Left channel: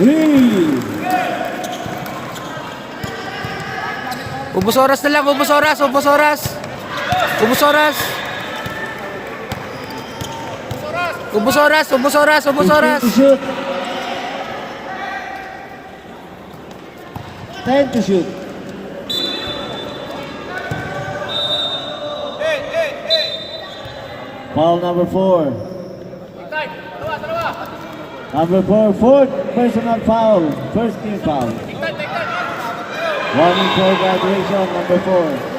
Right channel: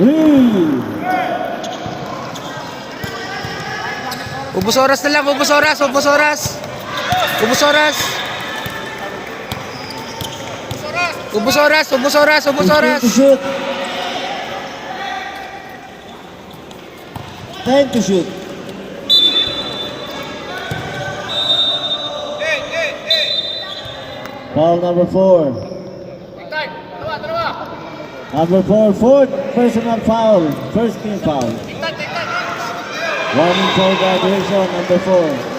3. Ubus oras na lang, ubus oras, ubus oras. Ubus oras. Ubus oras, ubus oras, ubus oras. Time to shoot. Foul number 4. Number 4, fourth personal foul. First team foul. Warning for graduation, number 4.